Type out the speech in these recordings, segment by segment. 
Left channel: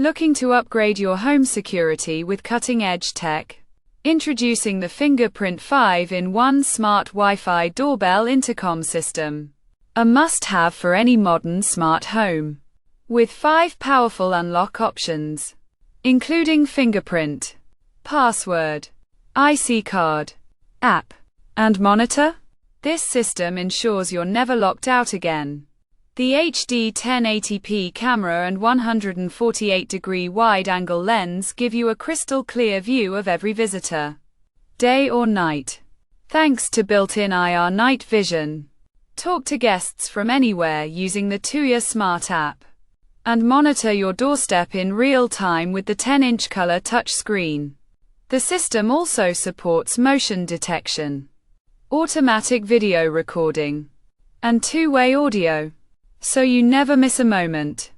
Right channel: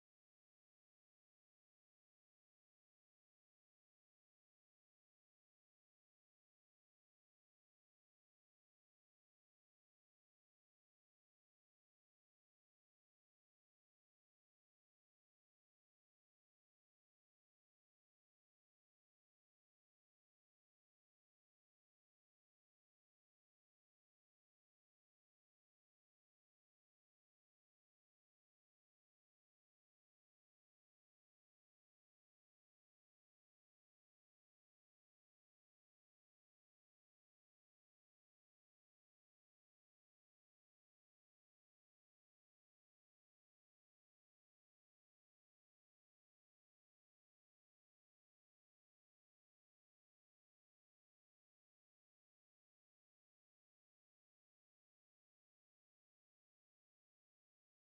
Looking to upgrade your home security with cutting-edge tech? Introducing the Fingerprint 5-in-1 Smart Wi-Fi Doorbell Intercom System. A must-have for any modern smart home. With 5 powerful unlock options, including fingerprint, password, IC card, app, and monitor, this system ensures you're never locked out again. The HD 1080p camera and 148-degree wide-angle lens give you a crystal-clear view of every visitor, day or night. Thanks to built-in IR night vision, talk to guests from anywhere using the Tuya Smart App, and monitor your doorstep in real time with the 10-inch color touchscreen. The system also supports motion detection, automatic video recording, and two-way audio, so you never miss a moment.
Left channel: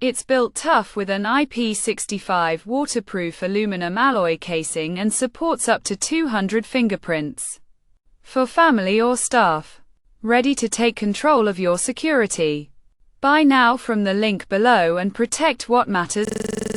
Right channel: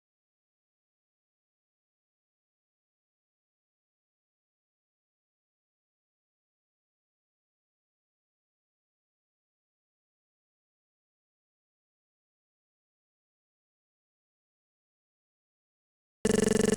It's built tough with an IP65 waterproof aluminum alloy casing and supports up to 200 fingerprints. For family or staff, ready to take control of your security. Buy now from the link below and protect what matters.